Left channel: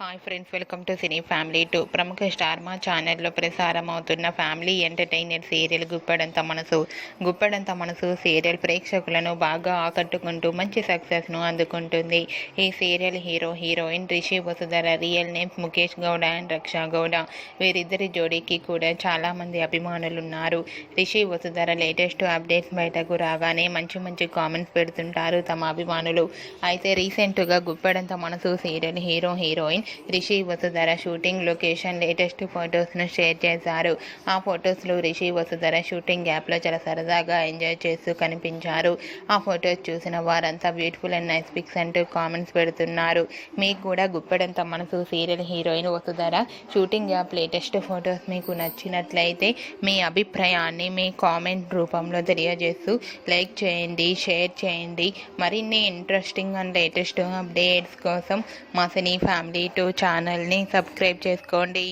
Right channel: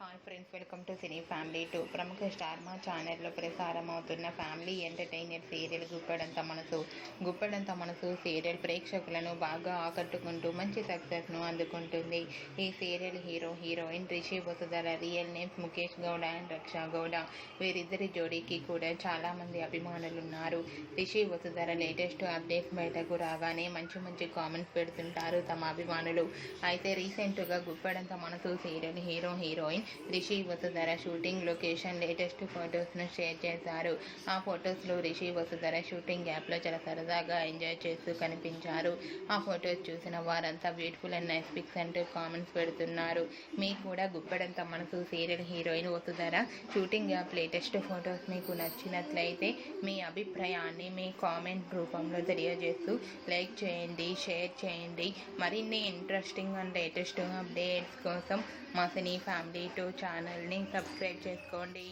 Hi friends, welcome to cine family two. ప్రముఖ star మా ఛానల్లో ప్రసారం అవుతున్న family entertainer serial Guppedantha Manasu serial ప్రేక్షకులను బాగా ఆకట్టుకుంటూ మంచి సక్సెస్ను అందుకుంటుంది. ఈ serial heroine Rishi Vasudhara, real names Mukesh Gowda and Raksha Gowda. వీరిద్దరి జోడీకి కూడా చాలామంది అభిమానులు ఉన్నారు. రిషి వసుధర లేటెస్ట్ అప్డేట్స్ బయటకు రాగానే మంచి కామెంట్స్ పెడుతుంటారు తమ అభిమానులు. అయితే రీసెంట్గా Guppedantha Manasu serial heroine Rishi Vasudhara shooting location latest ఫొటోస్ను షేర్ చేశారు. ఆ ఫొటోస్లో రిషి వసుధర షూటింగ్ యాప్లో చాలా సరదాగా ఎంజాయ్ చేస్తూ కనిపించారు. ఆ ఫొటోస్ చూసిన వారంతా బ్యూటిఫుల్ అండ్ నైస్ పిక్స్ అంటూ కామెంట్స్ పెడుతున్నారు. మీకు కూడా Guppedantha Manasu serial heroine Vasudhara shooting app latest photos మీకు నచ్చినట్లయితే మీ అభిప్రాయాన్ని మీ కామెంట్ రూపంలో తెలియజేస్తూ లైక్ చేయండి, షేర్ చేయండి. మరిన్ని ఇంట్రెస్టింగ్ అండ్ లేటెస్ట్ అప్డేట్స్ కోసం మా సినీ ఫ్యామిలీ టూ ఛానల్ని సబ్స్క్రైబ్ చేసుకోండి.